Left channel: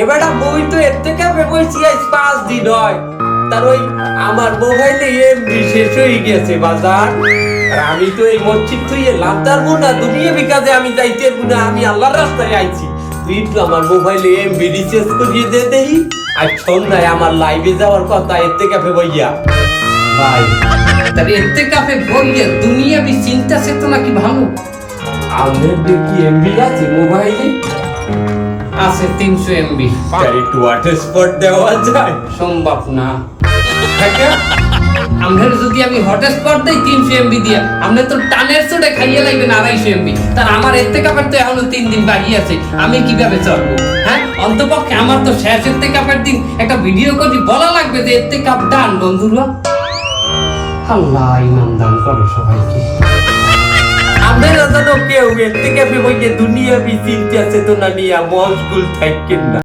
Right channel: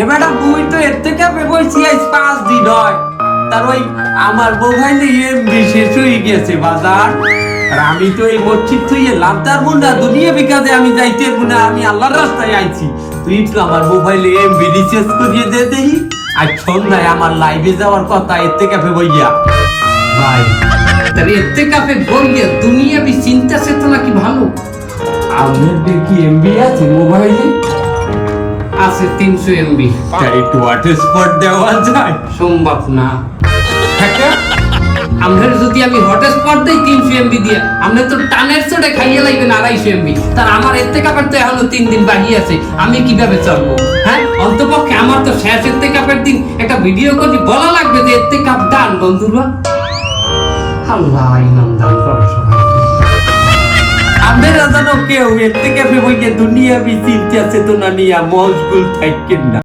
এবারটা বই তো এর থেকে পাঁচ দিন হয় তার ওই আমার মোবাইলে এমবি শেষ হয়ে গেছে বাজার। আর আমি তো এই মসজিদ লাভদার দুনিয়া বিকাজে আমি যাইতে আমি আল্লাহর রাস্তায় আইছি। তুই আমার মোবাইলে এমবি রিচার্জ করিয়ে দে দেই। আর আমার লাইভে যাওয়ার কথা, এর থেকে বইয়া। ভাই, তাহলে এতে কাপে বইয়ে দুনিয়া বি চিন্তা চেতনা কি ভালো? আমার কি এমবি আছে মোবাইলে? আছে তিনশো এমবি একটু দেওয়া যায়। সম্ভব না। আমরা যদি আমি হটস্পট দেই তিনশো এমবি দিয়ে আমরা তো টানের চোটে খাইয়ে লাগবেন আড়াইশো এমবি তার আমার এতে কাপের তো এখনও তিন দিন বাকি আছে আমি কীভাবে চলবো? হ্যাঁ অন্তপক্ষে আমার তো শেষ এতে কাপের দিন একটা ভিডিও করে বলা লাগবে যে এতে কাপ ডান বন্ধুরা। আল্লাহ ইমান দান করো আমাদের যেন কেউ এর থেকে ভেবে দুনিয়া বি চিন্তা চেতনা নিয়ে মজগুল থাকেন না।